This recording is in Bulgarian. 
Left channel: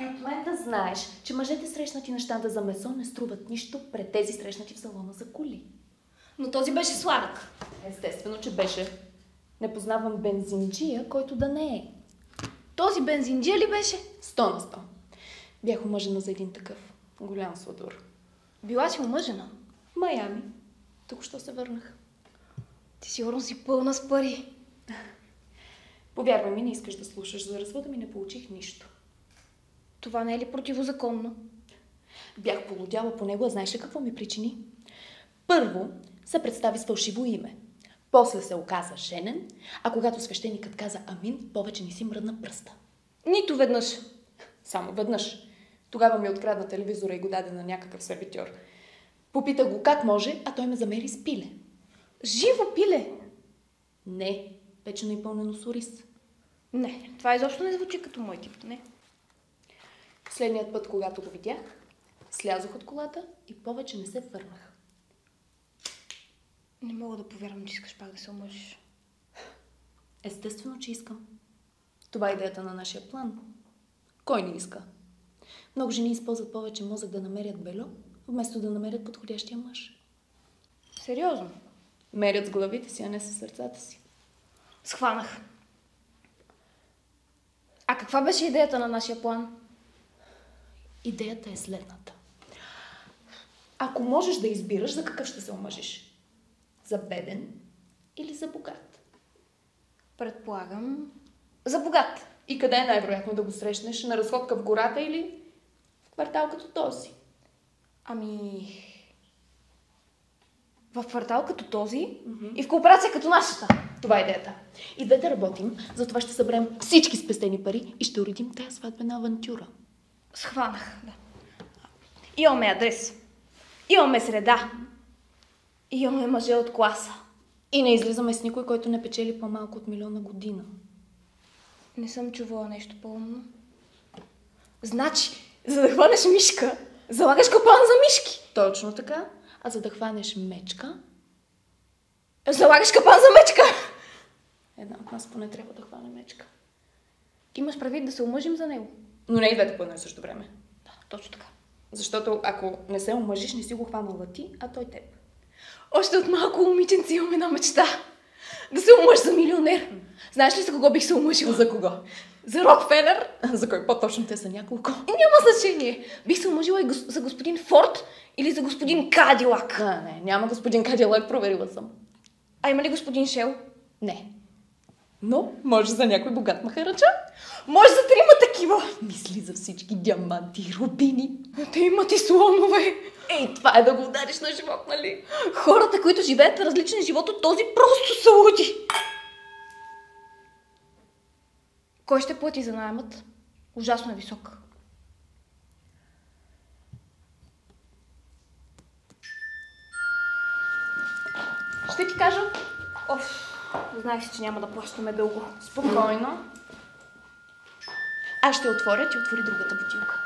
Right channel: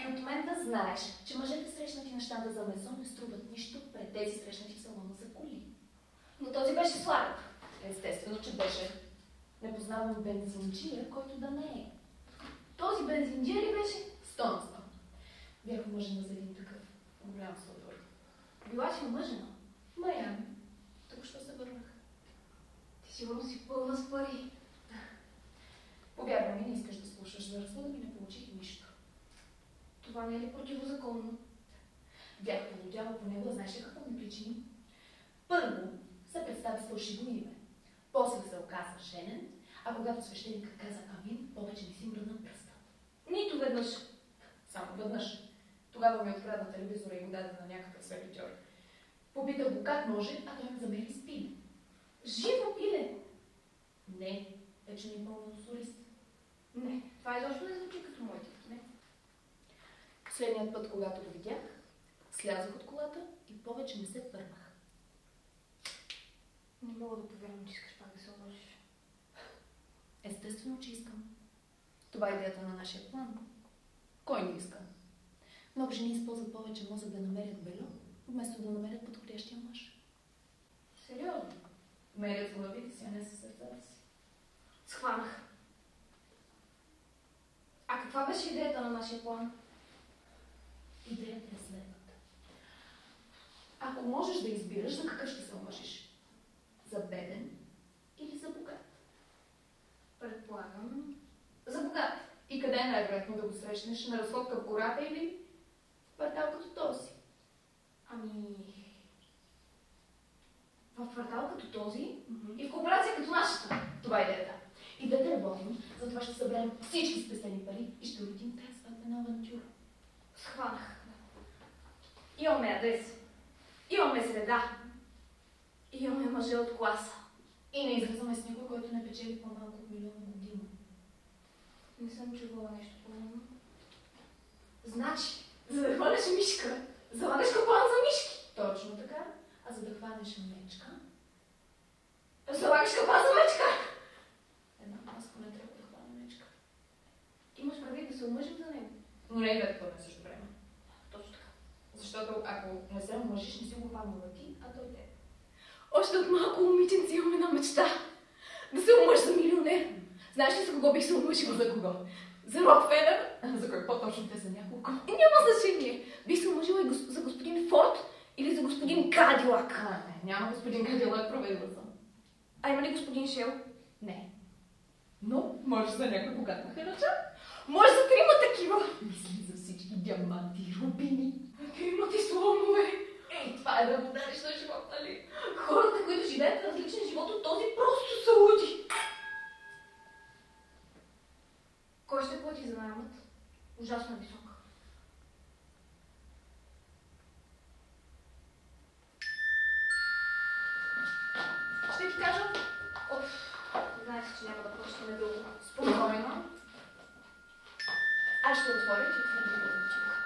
И от мен да знаеш, че мъжете срещнати на щанда за месо не струват нищо пред тези срещнати в салона за коли. Но този беше сладък. Естествено, че беше. Не познавам бензинджия, който да не е. Този бензинджия ли беше? 100 на 100. Бях омъжена за един такъв. Голям сладур. Била си омъжена? В Майами. Току-що се върнах. Ти сигурно си пълна с пари. Повярвай ми, не искаш да слушаш. За развода ми не получих нищо. Това не е ли противозаконно? Бях полудяла по него, а знаеш ли какво ми причини? Първо се представи с фалшиво име. После се оказа женен, а когато свещеникът каза амин, повече не си мръдна пръста. Нито веднъж. Само веднъж. Тогава ми открадна телевизора и го даде на някакъв сервитьор. Попитах го как може, а той ме замери с пиле. Живо пиле? Не, печено и пълнено с ориз. Не, това изобщо не звучи като мой тип, не. Следният път, когато го видях, слязох от колата и повече не се върнах. Не мога да повярвам, че искаш пак да се омъжиш. Естествено, че искам. Това е идеята на нашия план. Кой не иска? Много жени използват повече мозък да намерят бельо, вместо да намерят подходящия мъж. Сериозно? Мерят с главите си, а не с сърцата си. Схванах. А каква беше идеята на нашия план? Идеята е следната. Ако можеш да избираш, за какъв ще се омъжиш? За беден или за богат? Предполагам, за богат. И къде е най-вероятно да го срещнеш? На разходка в гората или в квартал като този? Ами... в квартал като този и в кооперация като нашата. Това е идеята. И двете работим, затова ще съберем всички спестени пари и ще уредим тая сватбена авантюра. Схванах, да. Имаме адрес. Имаме среда. Имаме мъже от класа. И не излизаме с никой, който не печели по-малко от 1 милион на година. Не съм чувала нещо по-умно. Значи, за да хванеш мишка, залагаш капан за мишки. Точно така. А за да хванеш мечка... Залагаш капан за мечка. Една от нас поне трябва да хване мечка. Имаш предвид да се омъжим за него. Но не и двете по едно и също време. Да, точно така. Защото ако не се омъжиш, не си го хванала ти, а той теб. Още от малко момиченце имам една мечта. Да се омъж за милионер. Знаеш ли за кого бих се омъжила? За кого? За Рокфелер. За кой по-точно? Те са няколко. И няма значение. Бих се омъжила и за господин Форд или за господин Кадилак. Не, няма господин Кадилак, проверила съм. А има ли господин Шел? Не. Но може за някой богат махараджа. Може за 3 такива. Мисли за всички диаманти и рубини. Те имат и слонове. Ей, това е да го удариш на живот, нали? Хората, които живеят различен живот от този, просто са луди. Кой ще плати за наемът? Ужасно е висок. Ще ти кажа. Знаех си, че няма да плащаме дълго. Спокойно. Аз ще отворя, ти отвори другата бутилка.